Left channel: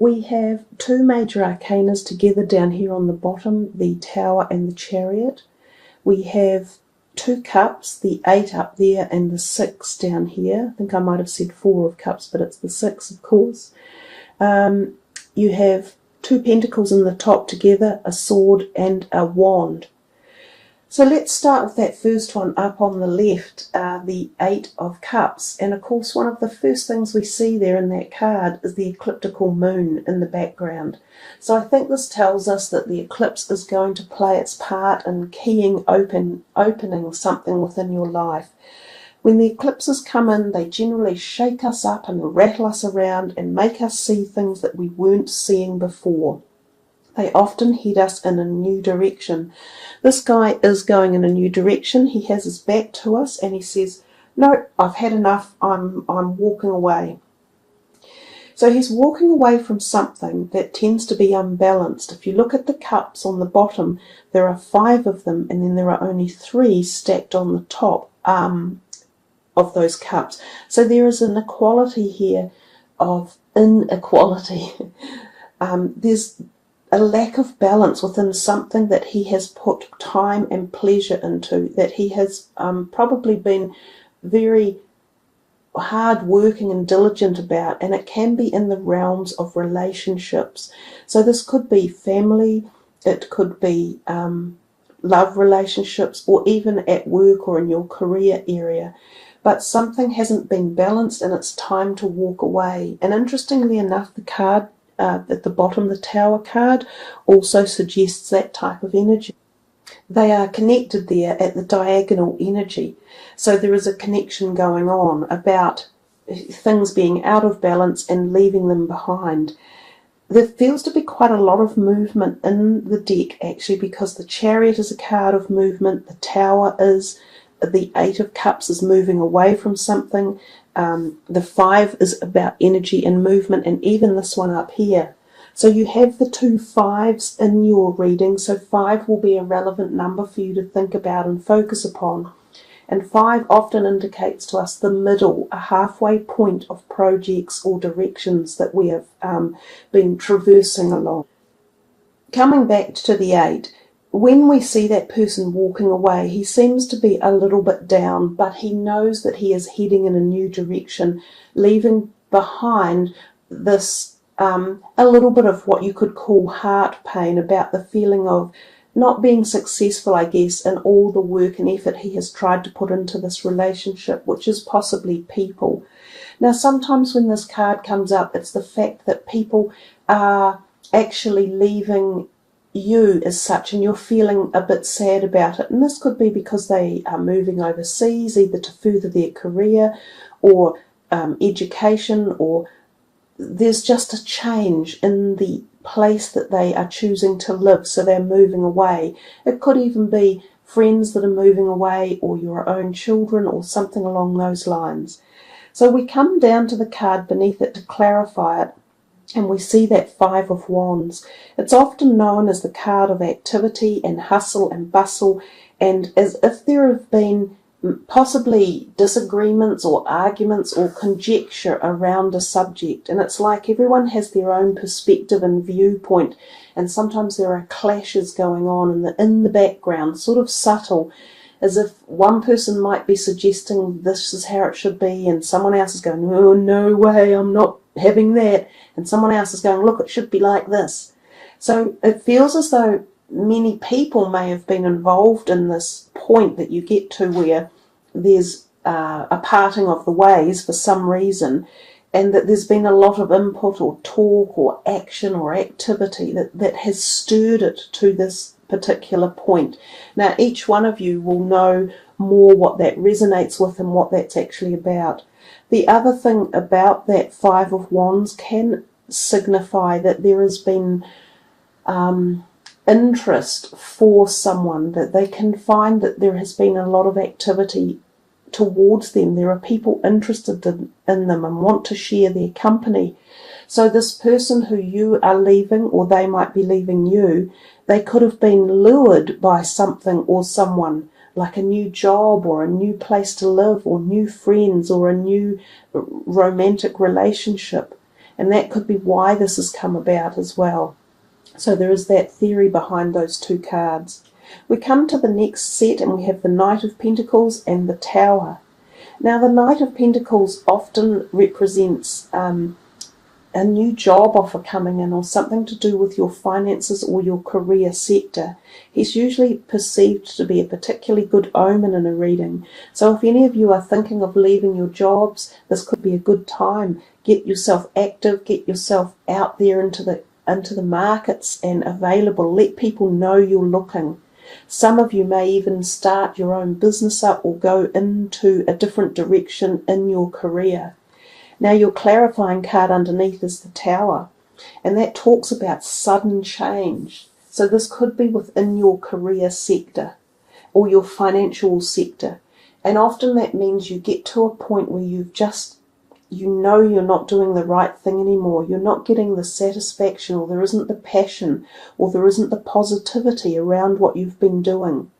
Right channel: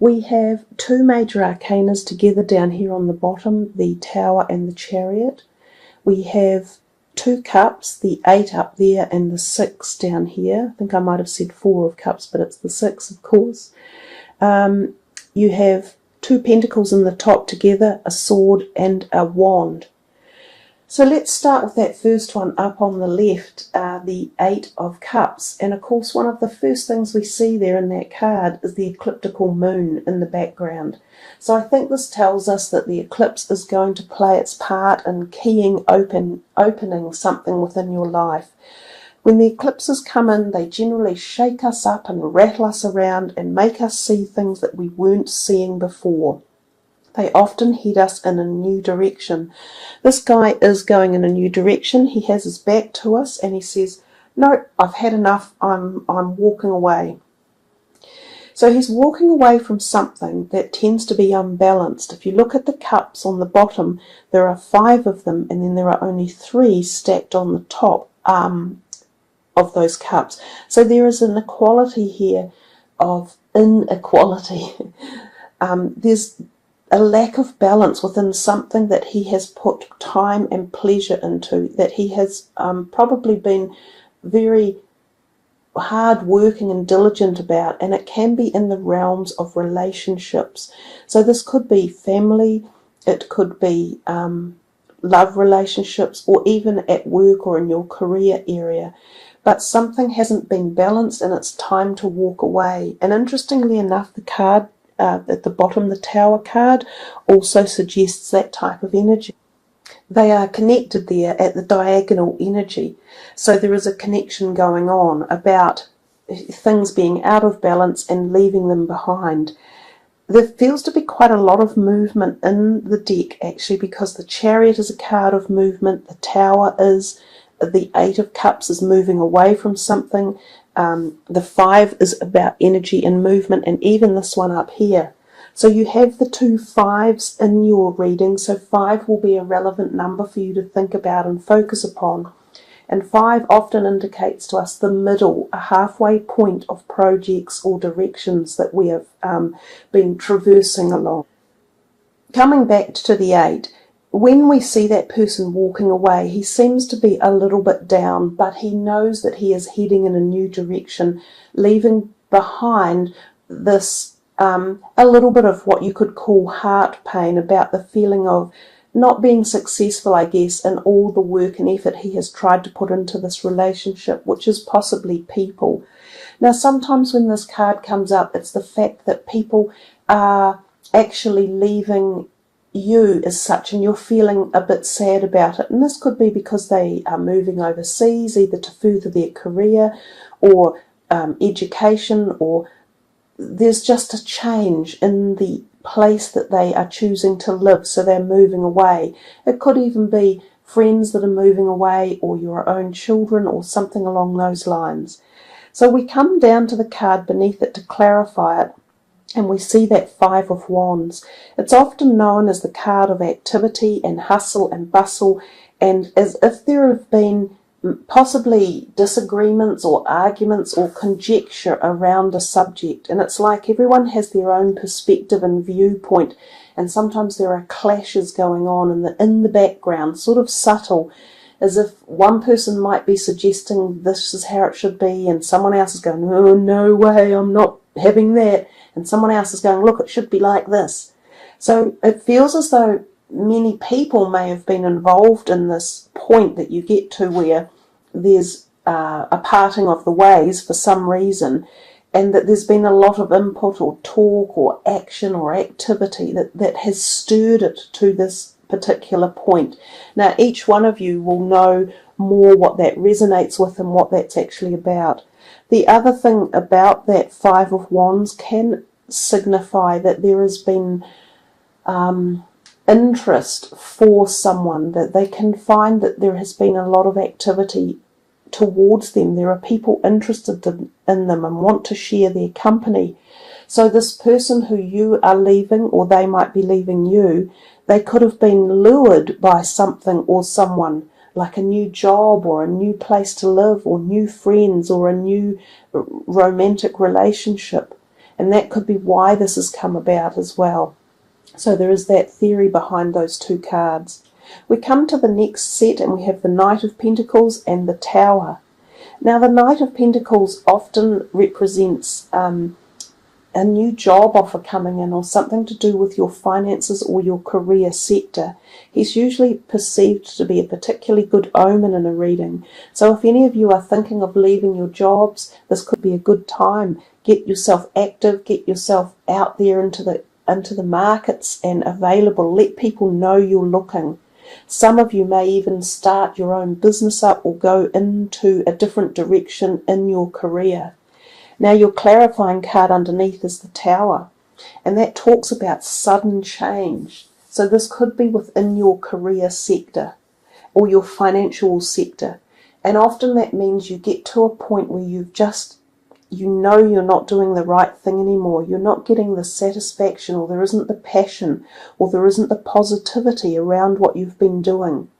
We have two major arcanas together down here on the bottom, the Tower and the Chariot. We have two cups, the 8 up there and the 6 down here. I think I might have said 4 of cups, but it's the 6, of course. You have two pentacles in the top together, a sword and a wand. So let's start with that first one up on the left, the 8 of Cups. And of course, one of the first things we see there in that card is the ecliptical moon in the background. So I think this tells us that the eclipse is going to play its part in opening something within your life. When the eclipses come in, they generally shake us up and rattle us around and make us see things that we weren't seeing before. They often head us in a new direction. This guy is going in a new direction. He has his back to us and he says, "No, I've had enough. I'm walking away." So he's walking away from something that tends to be unbalanced. If you look at the cups on the bottom, there are 5 of them, and then there are only 3 stacked on the top of those cups. So there is an equality here of inequality. There's a lack of balance within something that he has put time and pleasure into, that he has probably been very hard working and diligent about, and it can be in the realms of relationships. So this could be family, it could be love relationships, or even at work or in your career area. But something hasn't been balanced and it's time to walk away. And interestingly enough, the card at the bottom, the Tower card, also suggests that type of energy. They are connected there at the diagonal energy. So there is a connection going on about things being out of balance and leaving them behind. There feels to be quite a lot of movement in the deck, actually, because the Chariot is a card of movement, the Tower is, the 8 of Cups is moving away from something, the 5 is about energy and movement, and even this one up here. So you have the 2 5s in your reading, so 5 will be a relevant number for you to think about and focus upon. And 5 often indicates to us the middle, a halfway point of projects or directions that we have been traversing along. Coming back to the 8, when we see that person walking away, he seems to be a little bit down, but he knows that he is heading in a new direction, leaving behind this a little bit of what you could call heart pain about the feeling of not being successful, I guess, in all the work and effort he has tried to put into this relationship, which is possibly people. Now, sometimes when this card comes up, it's the fact that people are actually leaving you as such, and you're feeling a bit sad about it. And this could be because they are moving overseas, either to further their career or education, or there's just a change in the place that they are choosing to live, so they're moving away. It could even be friends that are moving away, or your own children, or something along those lines. So we come down to the card beneath it to clarify it, and we see that 5 of Wands. It's often known as the card of activity and hustle and bustle, and as if there have been possibly disagreements or arguments or conjecture around a subject. And it's like everyone has their own perspective and viewpoint, and sometimes there are clashes going on in the background, sort of subtle, as if one person might be suggesting this is how it should be, and someone else is going, "Oh, no way, I'm not having that," and someone else is going, "Look, it should be like this." So it feels as though many people may have been involved in this point that you get to where there's a parting of the ways for some reason, and that there's been a lot of input or talk or action or activity that has stirred it to this particular point. Now, each one of you will know more what that resonates with and what that's actually about. The other thing about that 5 of Wands can signify that there has been interest for someone, that they can find that there has been a lot of activity towards them. There are people interested in them and want to share their company. So this person who you are leaving, or they might be leaving you, they could have been lured by something or someone, like a new job or a new place to live or new friends or a new romantic relationship. And that could be why this has come about as well. So there is that theory behind those two cards. We come to the next set and we have the Knight of Pentacles and the Tower. Now the Knight of Pentacles often represents a new job offer coming in, or something to do with your finances or your career sector. He's usually perceived to be a particularly good omen in a reading. So if any of you are thinking of leaving your jobs, this could be a good time. Get yourself active, get yourself out there into the markets and available. Let people know you're looking. Some of you may even start your own business up or go into a different direction in your career. Now your clarifying card underneath is the Tower, and that talks about sudden change. So this could be within your career sector or your financial sector. And often that means you get to a point where you know you're not doing the right thing anymore. You're not getting the satisfaction, or there isn't the passion, or there isn't the positivity around what you've been doing.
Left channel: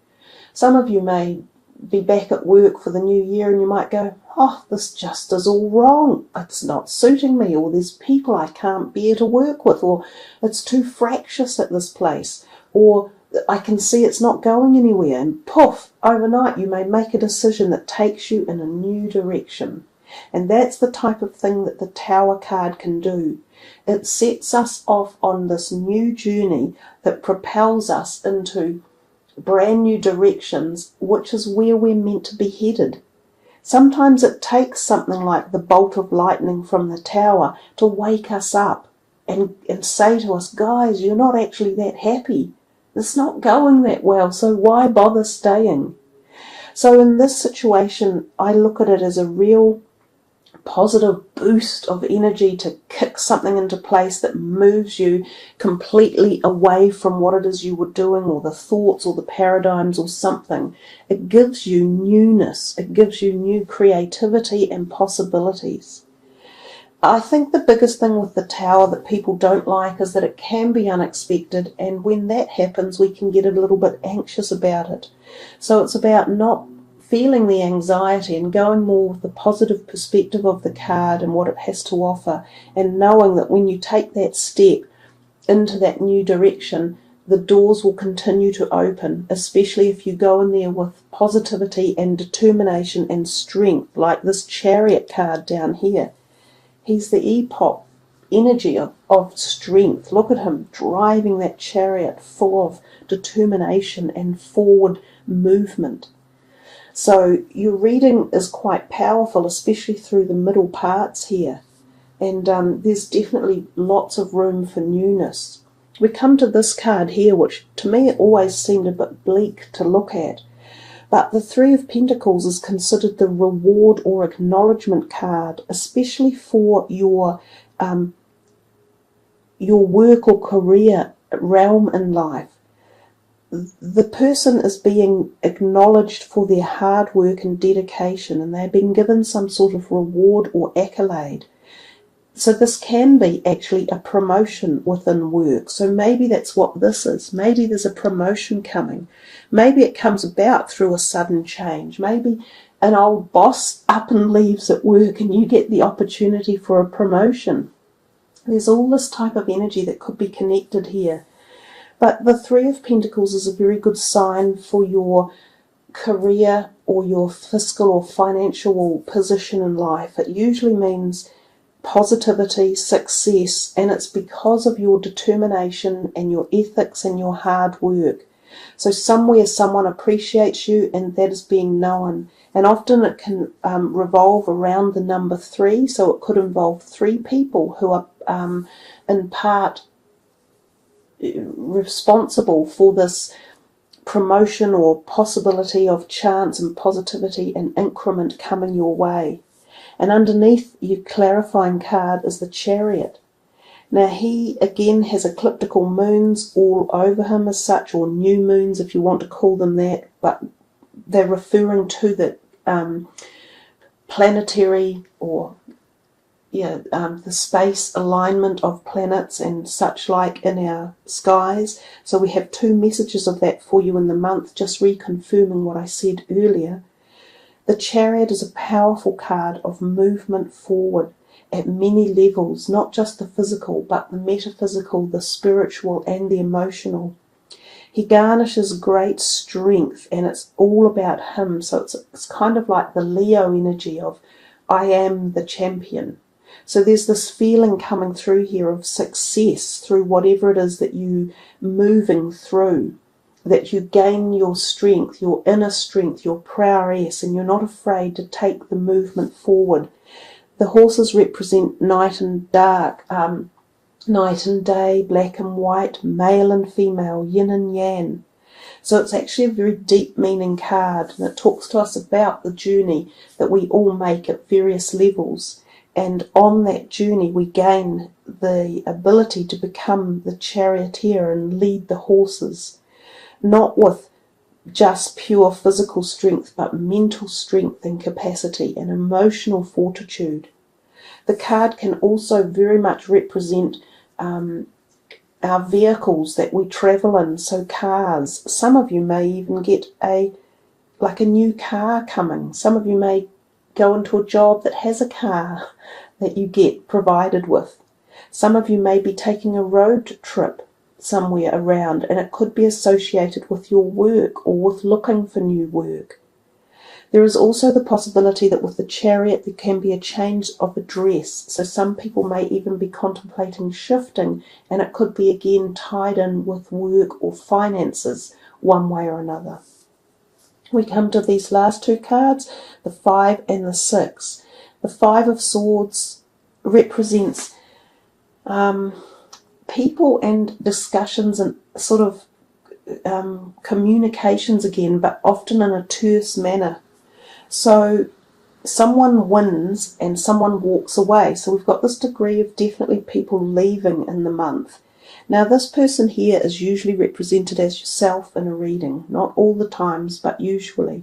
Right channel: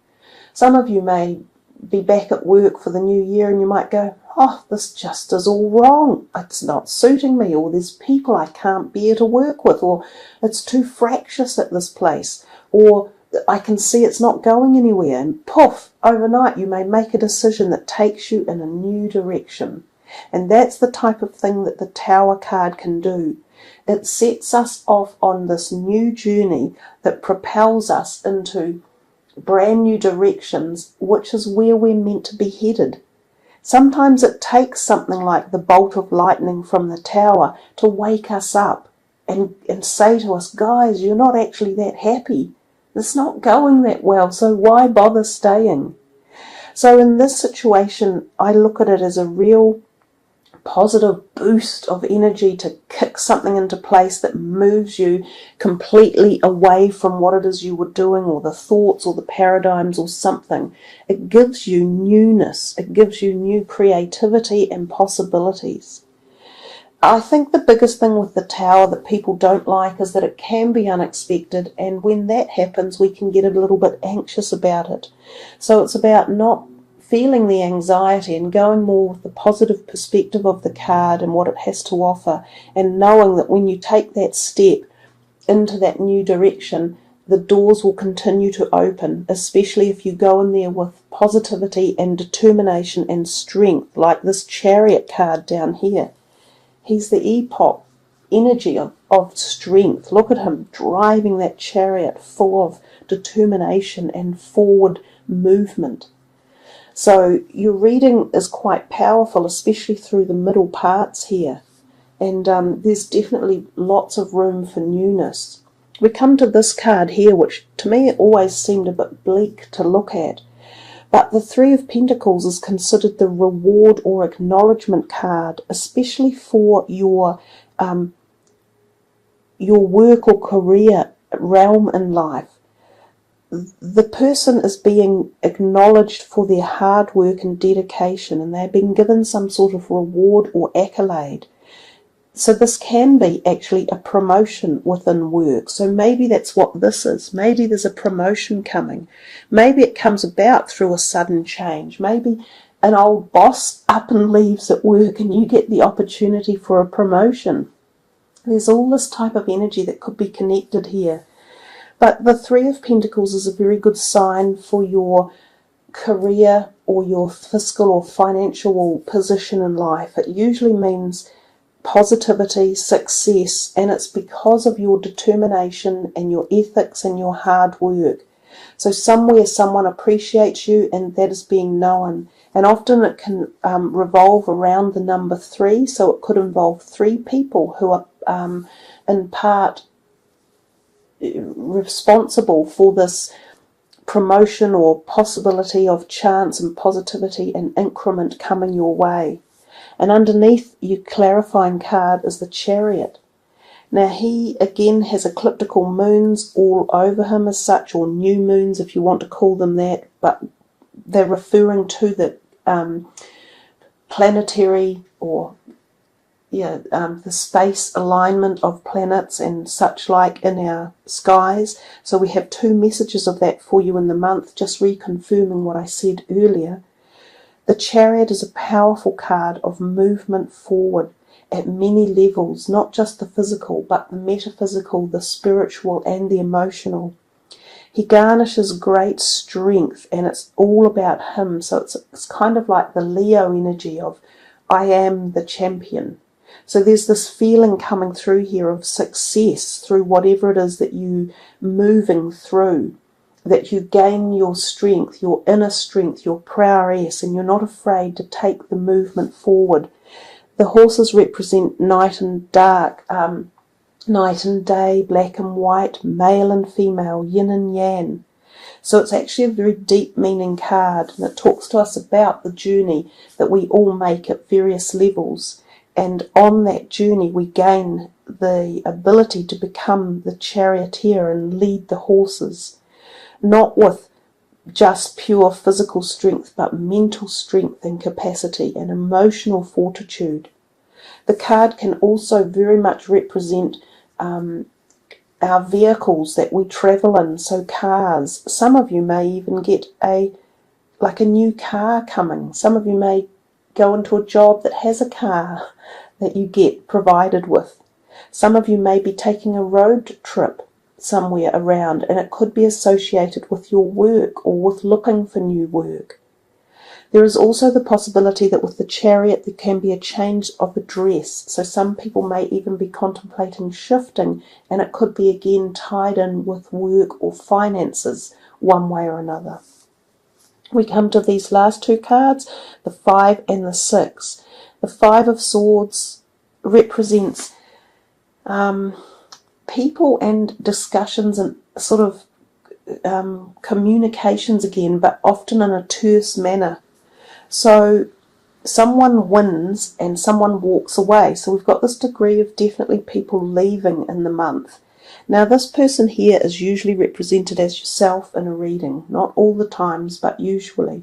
Some of you may be back at work for the new year and you might go, oh, this just is all wrong. It's not suiting me, or there's people I can't bear to work with, or it's too fractious at this place, or I can see it's not going anywhere. And poof, overnight you may make a decision that takes you in a new direction. And that's the type of thing that the Tower card can do. It sets us off on this new journey that propels us into brand new directions, which is where we're meant to be headed. Sometimes it takes something like the bolt of lightning from the Tower to wake us up and say to us, guys, you're not actually that happy. It's not going that well, so why bother staying? So in this situation, I look at it as a real positive boost of energy to kick something into place that moves you completely away from what it is you were doing, or the thoughts or the paradigms or something. It gives you newness. It gives you new creativity and possibilities. I think the biggest thing with the Tower that people don't like is that it can be unexpected, and when that happens we can get a little bit anxious about it. So it's about not feeling the anxiety and going more with the positive perspective of the card and what it has to offer, and knowing that when you take that step into that new direction, the doors will continue to open, especially if you go in there with positivity and determination and strength, like this Chariot card down here. He's the epoch energy of strength. Look at him driving that chariot full of determination and forward movement. So your reading is quite powerful, especially through the middle parts here. And there's definitely lots of room for newness. We come to this card here, which to me it always seemed a bit bleak to look at. But the Three of Pentacles is considered the reward or acknowledgement card, especially for your work or career realm in life. The person is being acknowledged for their hard work and dedication, and they're being given some sort of reward or accolade. So this can be actually a promotion within work. So maybe that's what this is. Maybe there's a promotion coming. Maybe it comes about through a sudden change. Maybe an old boss up and leaves at work and you get the opportunity for a promotion. There's all this type of energy that could be connected here. But the Three of Pentacles is a very good sign for your career or your fiscal or financial position in life. It usually means positivity, success, and it's because of your determination and your ethics and your hard work. So somewhere someone appreciates you and that is being known. And often it can revolve around the number 3, so it could involve 3 people who are in part responsible for this promotion or possibility of chance and positivity and increment coming your way. And underneath your clarifying card is the Chariot. Now he again has ecliptical moons all over him as such, or new moons if you want to call them that, but they're referring to the planetary or the space alignment of planets and such like in our skies. So we have 2 messages of that for you in the month, just reconfirming what I said earlier. The Chariot is a powerful card of movement forward. at many levels, not just the physical, but the metaphysical, the spiritual, and the emotional. He garnishes great strength, and it's all about him. So it's kind of like the Leo energy of, I am the champion. So there's this feeling coming through here of success through whatever it is that you're moving through, that you gain your strength, your inner strength, your prowess, and you're not afraid to take the movement forward. The horses represent night and dark, night and day, black and white, male and female, yin and yang. So it's actually a very deep meaning card, and it talks to us about the journey that we all make at various levels. And on that journey, we gain the ability to become the charioteer and lead the horses, not with just pure physical strength, but mental strength and capacity and emotional fortitude. The card can also very much represent our vehicles that we travel in, so cars. Some of you may even get a new car coming. Some of you may go into a job that has a car that you get provided with. Some of you may be taking a road trip somewhere around, and it could be associated with your work or with looking for new work. There is also the possibility that with the chariot there can be a change of address, so some people may even be contemplating shifting, and it could be again tied in with work or finances one way or another. We come to these last two cards, the 5 and the 6. The 5 of Swords represents people and discussions and sort of communications again, but often in a terse manner. So someone wins and someone walks away. So we've got this degree of definitely people leaving in the month. Now this person here is usually represented as yourself in a reading, not all the times, but usually.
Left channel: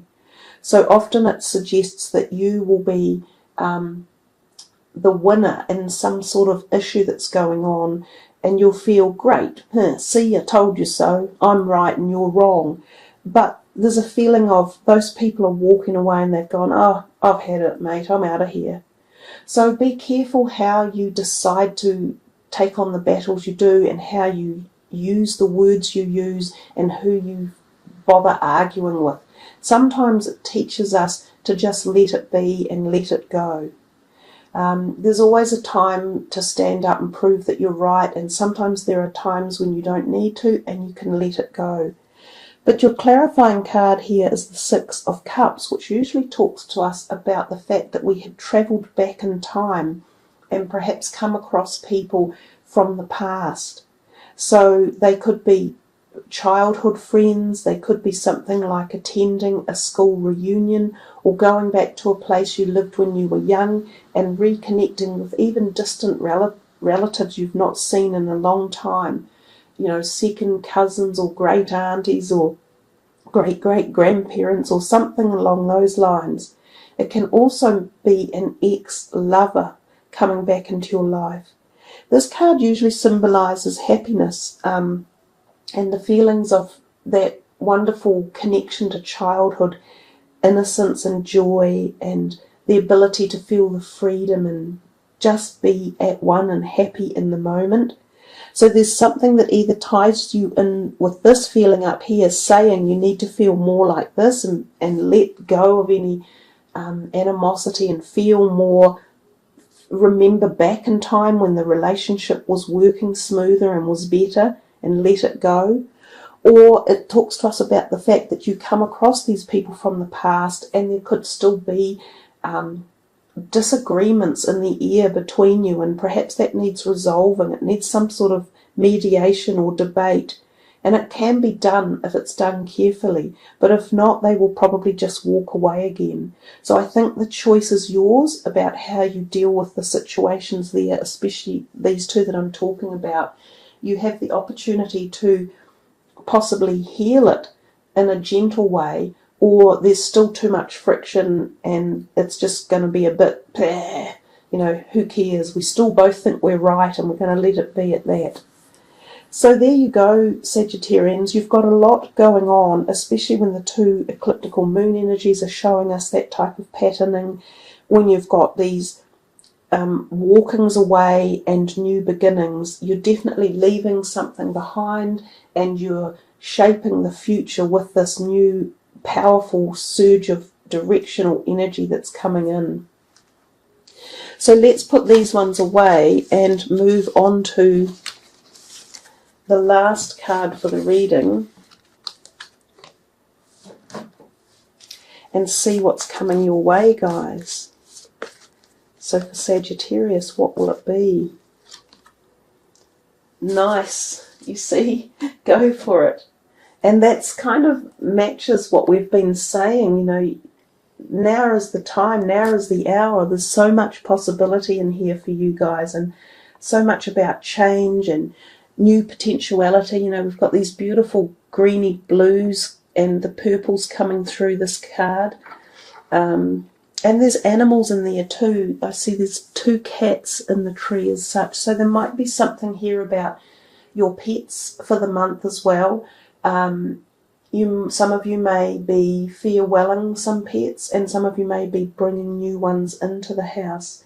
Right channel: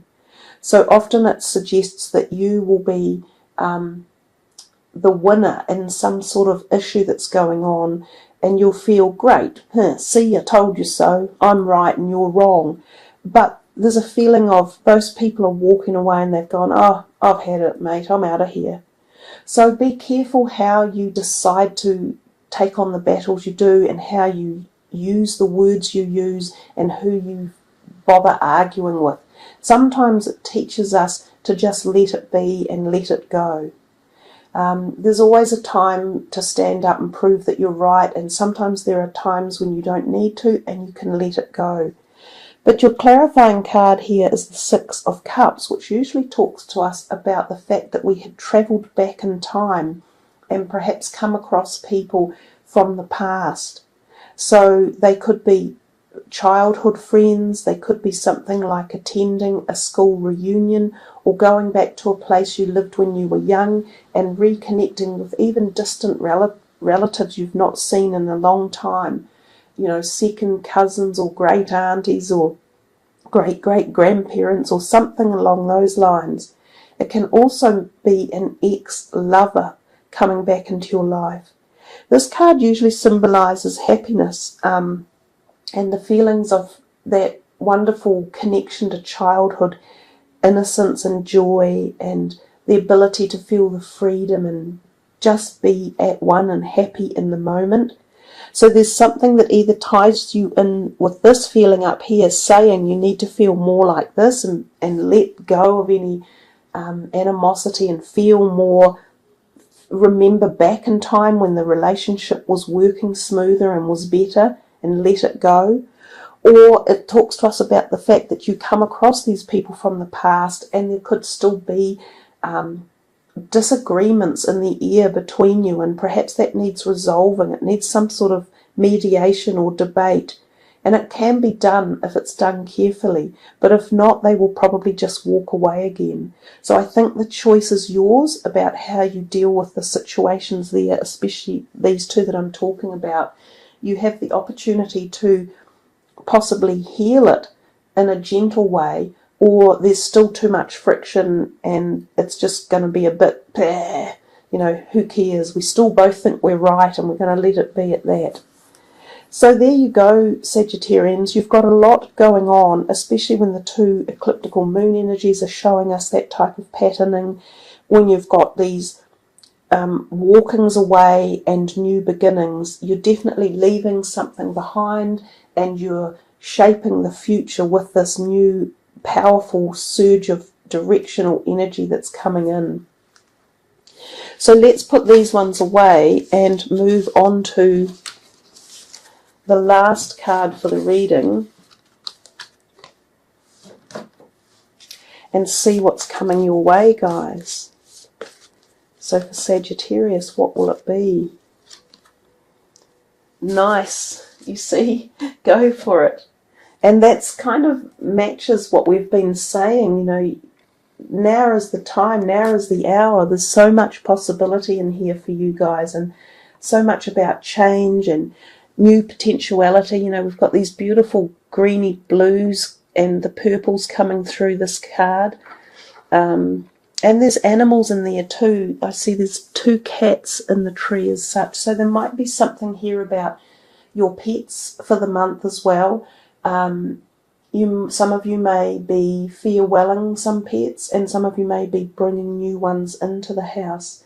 So often it suggests that you will be the winner in some sort of issue that's going on, and you'll feel great. See, I told you so. I'm right and you're wrong. But there's a feeling of those people are walking away and they've gone, oh, I've had it, mate. I'm out of here. So be careful how you decide to take on the battles you do, and how you use the words you use, and who you bother arguing with. Sometimes it teaches us to just let it be and let it go. There's always a time to stand up and prove that you're right, and sometimes there are times when you don't need to and you can let it go. But your clarifying card here is the 6 of Cups, which usually talks to us about the fact that we had travelled back in time and perhaps come across people from the past. So they could be childhood friends, they could be something like attending a school reunion, or going back to a place you lived when you were young and reconnecting with even distant relatives you've not seen in a long time. You know, second cousins or great aunties or great-great-grandparents or something along those lines. It can also be an ex-lover coming back into your life. This card usually symbolises happiness and the feelings of that wonderful connection to childhood, innocence and joy, and the ability to feel the freedom and just be at one and happy in the moment. So there's something that either ties you in with this feeling up here, saying you need to feel more like this and let go of any animosity and feel more. Remember back in time when the relationship was working smoother and was better, and let it go. Or it talks to us about the fact that you come across these people from the past and there could still be disagreements in the air between you, and perhaps that needs resolving. It needs some sort of mediation or debate, and it can be done if it's done carefully, but if not, they will probably just walk away again. So I think the choice is yours about how you deal with the situations there, especially these two that I'm talking about. You have the opportunity to possibly heal it in a gentle way, or there's still too much friction and it's just going to be a bit, who cares? We still both think we're right and we're going to let it be at that. So there you go, Sagittarians. You've got a lot going on, especially when the two ecliptical moon energies are showing us that type of patterning, when you've got these walkings away and new beginnings. You're definitely leaving something behind, and you're shaping the future with this new powerful surge of directional energy that's coming in. So let's put these ones away and move on to the last card for the reading and see what's coming your way, guys. So for Sagittarius, what will it be? Nice, you see, go for it. And that's kind of matches what we've been saying, you know, now is the time, now is the hour. There's so much possibility in here for you guys, and so much about change and new potentiality. You know, we've got these beautiful greeny blues and the purples coming through this card. And there's animals in there too. I see there's 2 cats in the tree as such. So there might be something here about your pets for the month as well. Some of you may be farewelling some pets, and some of you may be bringing new ones into the house.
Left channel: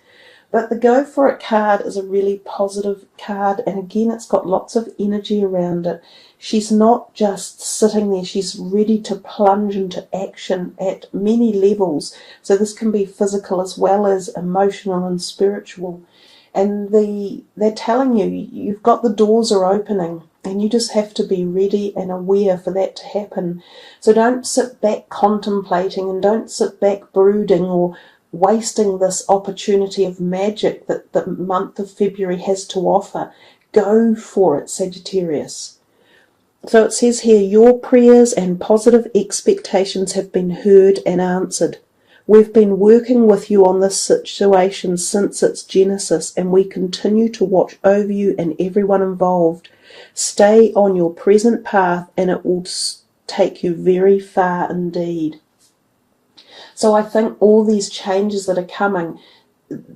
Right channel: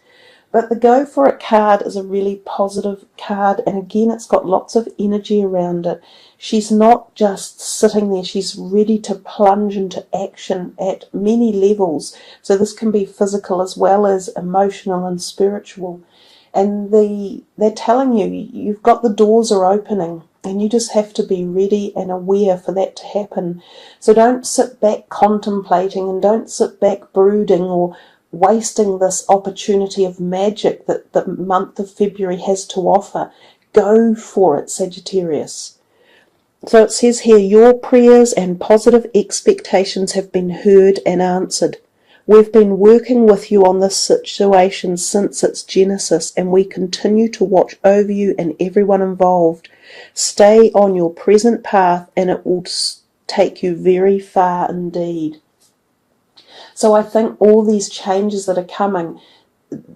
But the Go For It card is a really positive card, and again, it's got lots of energy around it. She's not just sitting there, she's ready to plunge into action at many levels. So this can be physical as well as emotional and spiritual. And they're telling you, you've got the doors are opening. And you just have to be ready and aware for that to happen. So don't sit back contemplating, and don't sit back brooding or wasting this opportunity of magic that the month of February has to offer. Go for it, Sagittarius. So it says here, your prayers and positive expectations have been heard and answered. We've been working with you on this situation since its genesis, and we continue to watch over you and everyone involved. Stay on your present path, and it will take you very far indeed. So I think all these changes that are coming,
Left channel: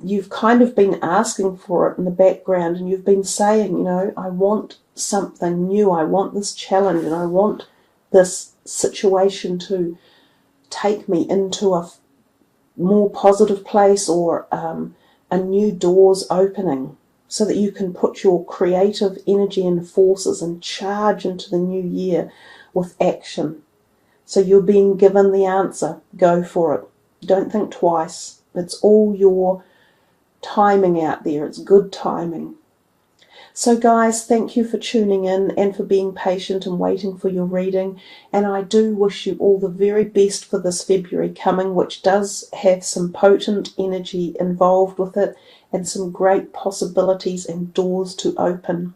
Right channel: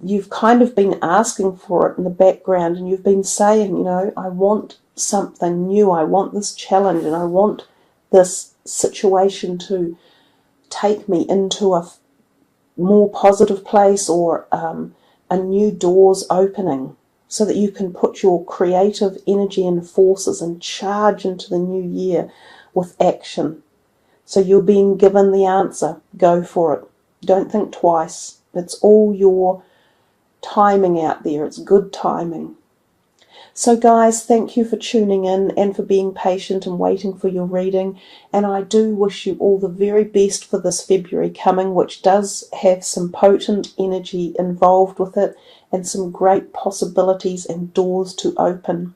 you've kind of been asking for it in the background, and you've been saying, you know, I want something new, I want this challenge, and I want this situation to take me into a more positive place, or a new door's opening, so that you can put your creative energy and forces and charge into the new year with action. So you're being given the answer. Go for it. Don't think twice. It's all your timing out there. It's good timing. So guys, thank you for tuning in and for being patient and waiting for your reading. And I do wish you all the very best for this February coming, which does have some potent energy involved with it, and some great possibilities and doors to open.